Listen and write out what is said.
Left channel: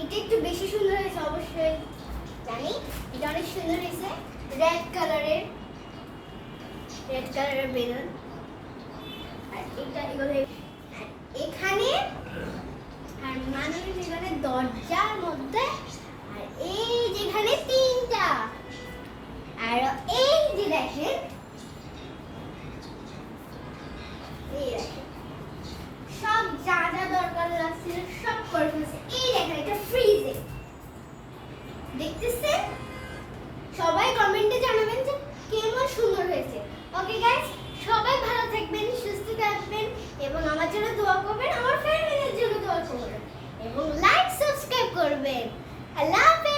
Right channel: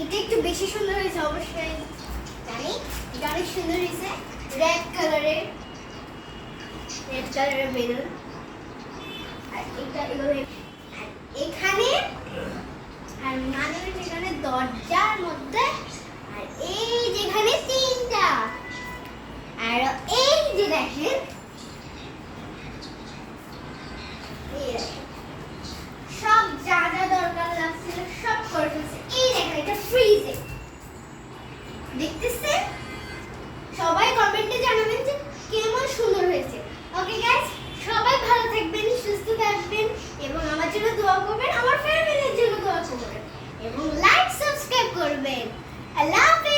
এটা একটু বেশি সুন্দর হয়েছে অবশ্যই জানি, এটা অনেক সুন্দর হয়েছে। রেড কালারের বেলুন, আর এটা এভাবে এখানে, আর মানুষের এখানে দরজার মধ্যে, আর এই যেখানে তিনটা, আর এই যে দেখেন সব যা যা দরকার লাগছিল সব করে ফেলছে। এই দেখেন এটা ফ্রিজে, দেখতেছেন? সবাই কমেন্টে জানাবেন যে কেমন সুন্দর হয়েছে। ওকে গাইস, সবাই ভালো থাকবেন, সুস্থ থাকবেন এবং আমার জন্য দোয়া করবেন, আমার ফ্যামিলির জন্য দোয়া করবেন এবং লাইক সাবস্ক্রাইব করবেন। আল্লাহ হাফেজ।